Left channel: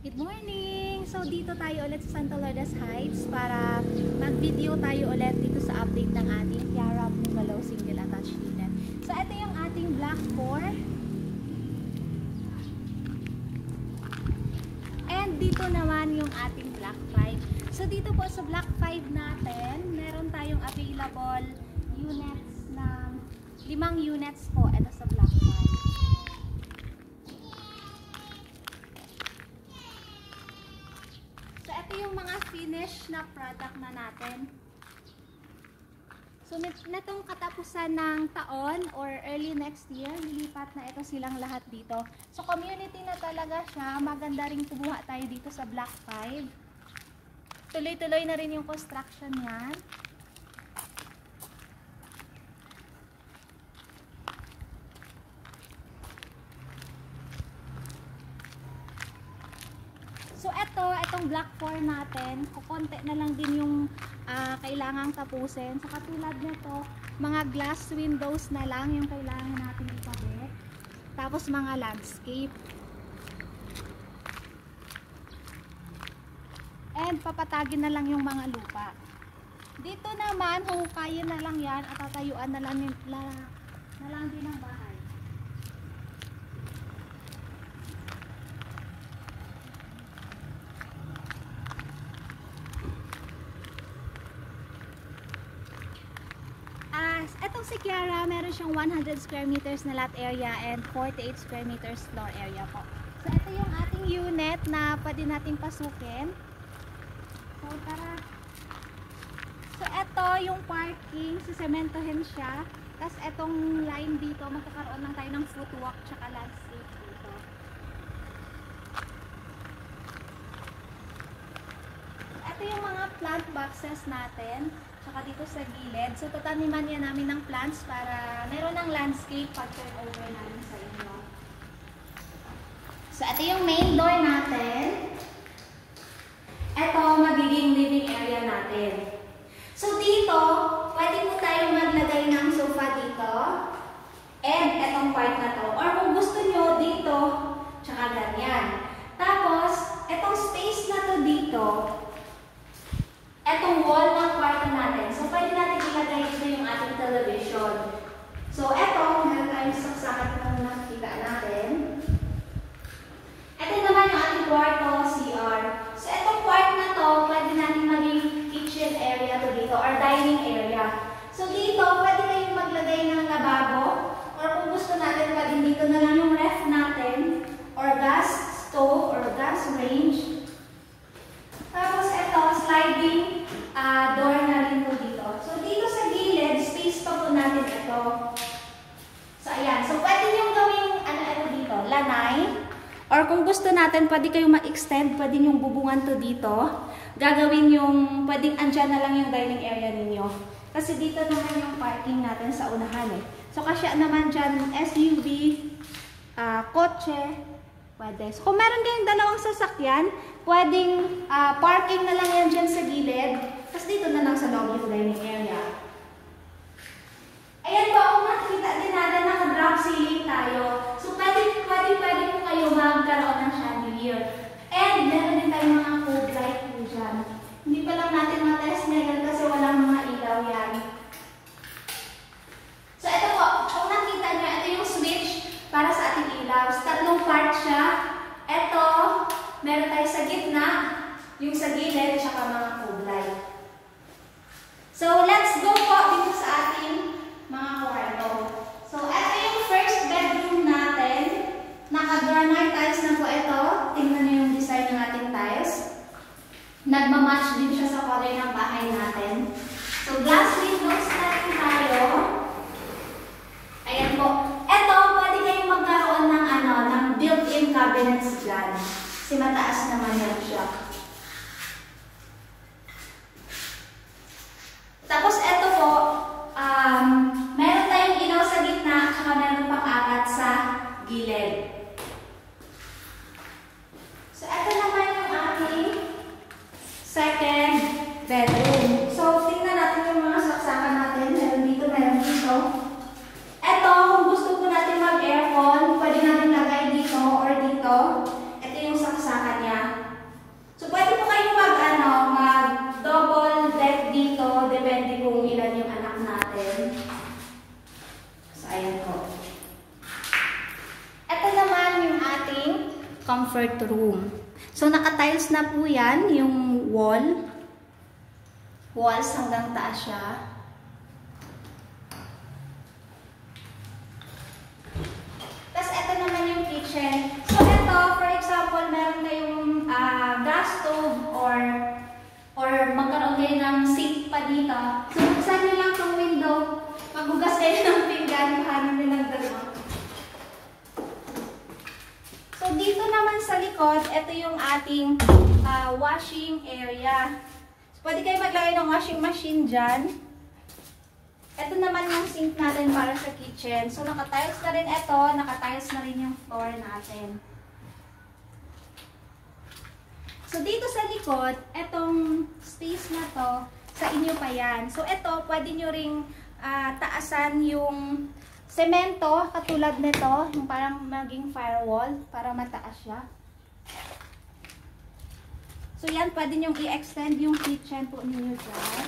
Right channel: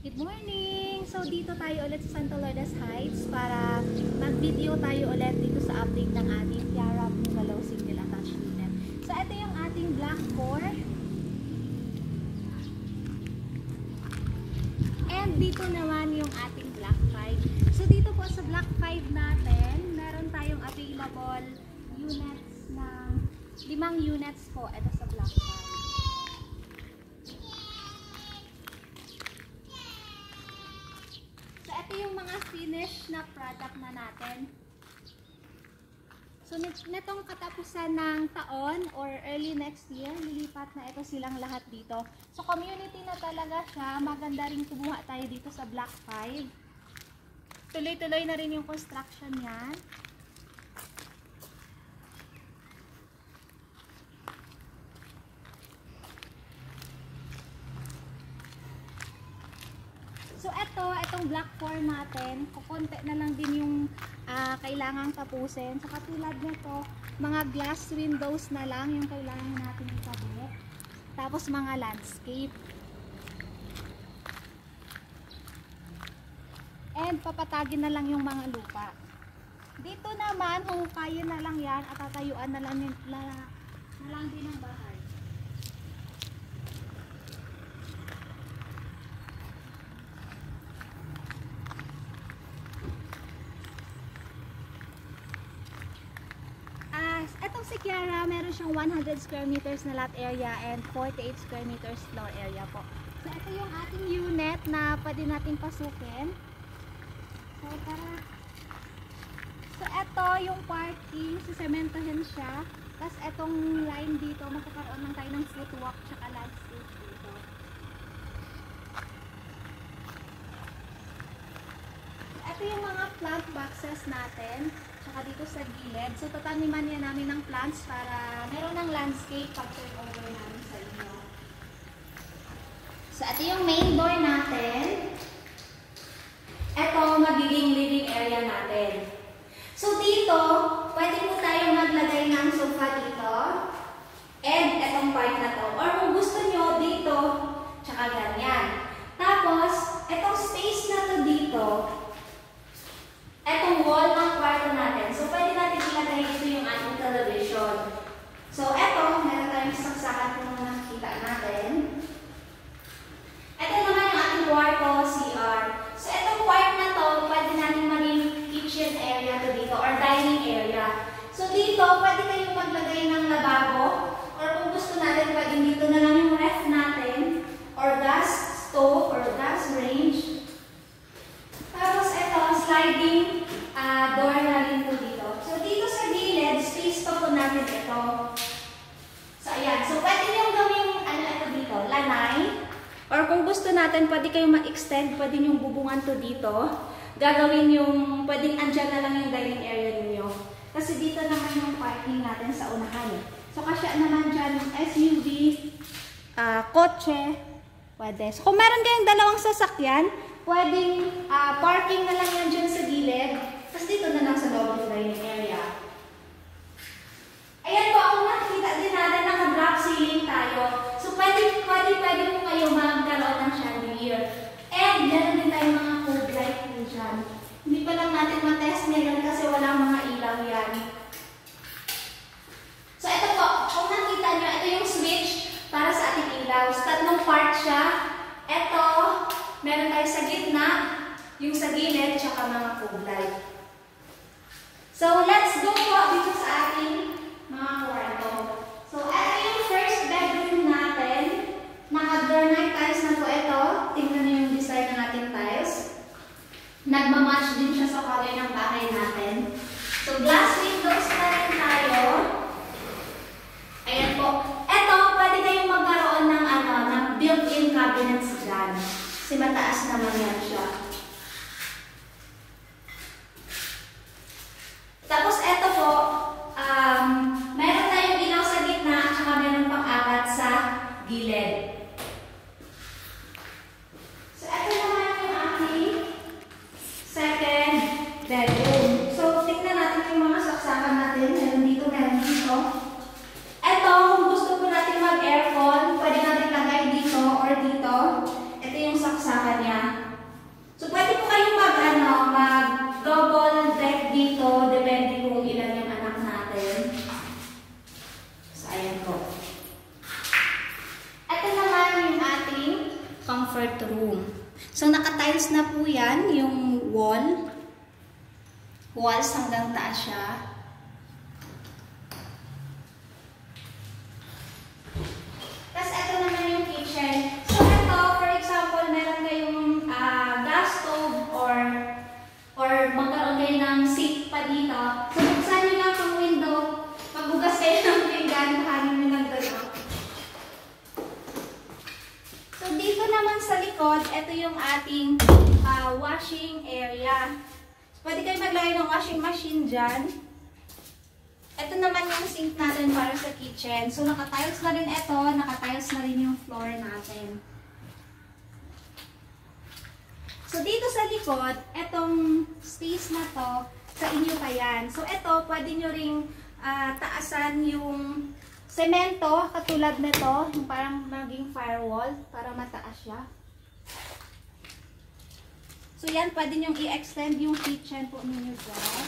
Good morning! So dito tayo ulit sa Santa Lourdes Heights para mag-video tayo ulit dito sa update ng ating Tiara Bungalow Single Attached Unit. So ito yung ating Block 4. And dito naman yung ating Block 5. So dito po sa Block 5 natin, meron tayong available units ng 5 units po. Ito sa Block 5. Ito yung mga finish na product na natin. So, netong katapusan ng taon or early next year, lilipat na ito silang lahat dito. So, community na talaga siya. Maganda rin kumuha tayo dito sa Block 5. Tuloy-tuloy na rin yung construction niyan. So, itong Block 4 natin, kukonti na lang din yung kailangang tapusin. So, katulad nito, mga glass windows na lang yung kailangan natin ikabit. Tapos, mga landscape. And, papatagin na lang yung mga lupa. Dito naman, huhukayin na lang yan at tatayuan na lang din ang bahay. Etong si Kiara, meron siyang 100 square meters na lot area and 48 square meters floor area po. So, ito yung ating unit na pwede natin pasukin. So, tara. So, ito yung parking. Sisementohin siya. Tapos, etong line dito, magkakaroon lang tayo ng footwalk tsaka landscape dito. So, ito yung mga plant boxes natin. Tsaka dito sa gilid. So, tataniman yan namin ng plants para meron ng landscape pag turn over namin sa inyo. So, ito yung main door natin. Ito, magiging living area natin. So, dito, pwede po tayo maglagay ng sofa dito. And, itong part na to. Or kung gusto nyo, dito, tsaka ganyan. Tapos, itong space na to dito, etong wall ng kwarto natin. So, pwede natin ilagay dito yung ating television. So, eto, meron tayong saksakan kung nakikita natin. Eto naman yung ating kwarto, CR. So, etong kwarto na to, pwede natin maging kitchen area to dito or dining area. So, dito, pwede kayong maglagay ng lababo. Or kung gusto natin, pwede dito na lang yung ref natin or gas stove or gas range. Tapos, eto, sliding door na rin po dito. So, dito sa gilid, space pa po natin ito. So, ayan. So, pwede nyo gawing, ito dito, lanay. Or kung gusto natin, pwede kayong ma-extend, pwede nyo bubungan to dito. Gagawin yung, pwedeng andyan na lang yung dining area ninyo. Kasi dito naman yung parking natin sa unahan eh. So, kasya naman dyan yung SUV, kotse, pwede. So, kung meron kayong dalawang sasakyan, pwedeng parking na lang yan dyan sa gilid. Tapos dito na lang sa loob yung dining area. Ayan po, kung nakikita din natin, naka-drop ceiling tayo. So, pwede po kayo magkaroon ng chandelier. And, meron din tayong mga code light po dyan. Hindi pa lang natin matest ngayon kasi walang mga ilaw yan. So, ito po, kung nakita nyo, ito yung switch para sa ating ilaw. So, tatlong part siya. Ito, meron tayo sa gitna, yung sa gilid, tsaka mga code light. So, let's go po dito sa ating mga kwarto. So, ito yung first bedroom natin. Naka-granite tiles na po ito. Tingnan niyo yung design ng ating tiles. Nagmamatch din siya sa color ng bahay natin. So, glass windows na rin tayo. Ayan po. Ito, pwede kayong magkaroon ng, ng built-in cabinets dyan. Kasi mataas naman yan siya. Tapos, ito po, meron tayong ilaw sa gitna at saka meron pang apat sa gilid. So, ito naman yung ating second bedroom. So, tignan natin yung mga saksakan natin. Meron dito, meron dito. Ito, kung gusto po natin mag-aircon, pwede natin lagay dito or dito. Ito yung saksakan niya. comfort room. So, naka-tiles na po yan, yung walls hanggang taas siya. Tapos, ito naman yung kitchen. So, ito, for example, meron kayong gas stove or magkaroon kayo ng sink pa dito. So, buksan nyo lang yung window, maghugas kayo ng pinggan, kuhanin nyo ng dalawa. So, dito naman sa likod, ito yung ating washing area. So, pwede kayo maglagay ng washing machine dyan. Ito naman yung sink natin para sa kitchen. So, naka-tiles na rin ito, naka-tiles na rin yung floor natin. So, dito sa likod, etong space na to, sa inyo pa yan. So, ito, pwede nyo ring taasan yung semento, katulad nito, yung parang maging firewall, para mataas siya. So, yan, pwede nyo i-extend yung kitchen po ninyo dyan.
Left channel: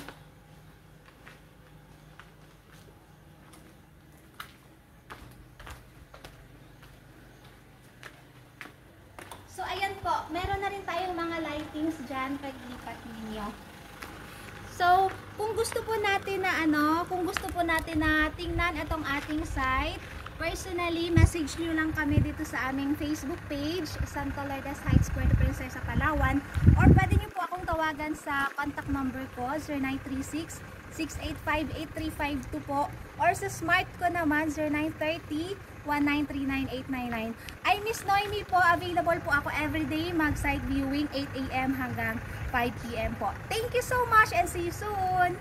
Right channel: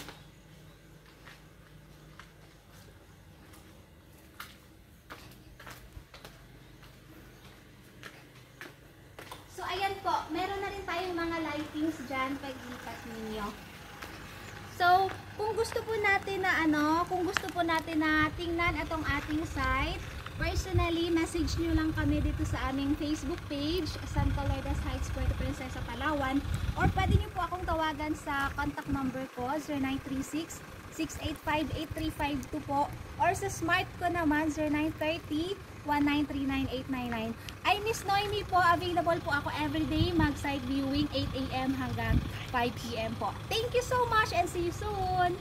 So, ayan po, meron na rin tayong mga lightings dyan pag-lipat ninyo. So, kung gusto po natin na tingnan itong ating site, personally, message nyo lang kami dito sa aming Facebook page, Santa Lourdes Heights, Puerto Princesa, Palawan, or pwede nyo po akong tawagan sa contact number ko, 0936-685-8352 po, or sa smart ko naman, 0930-1939899. Ay, Miss Noemi po, available po ako everyday, mag-site viewing 8 AM hanggang 5 PM po. Thank you so much and see you soon!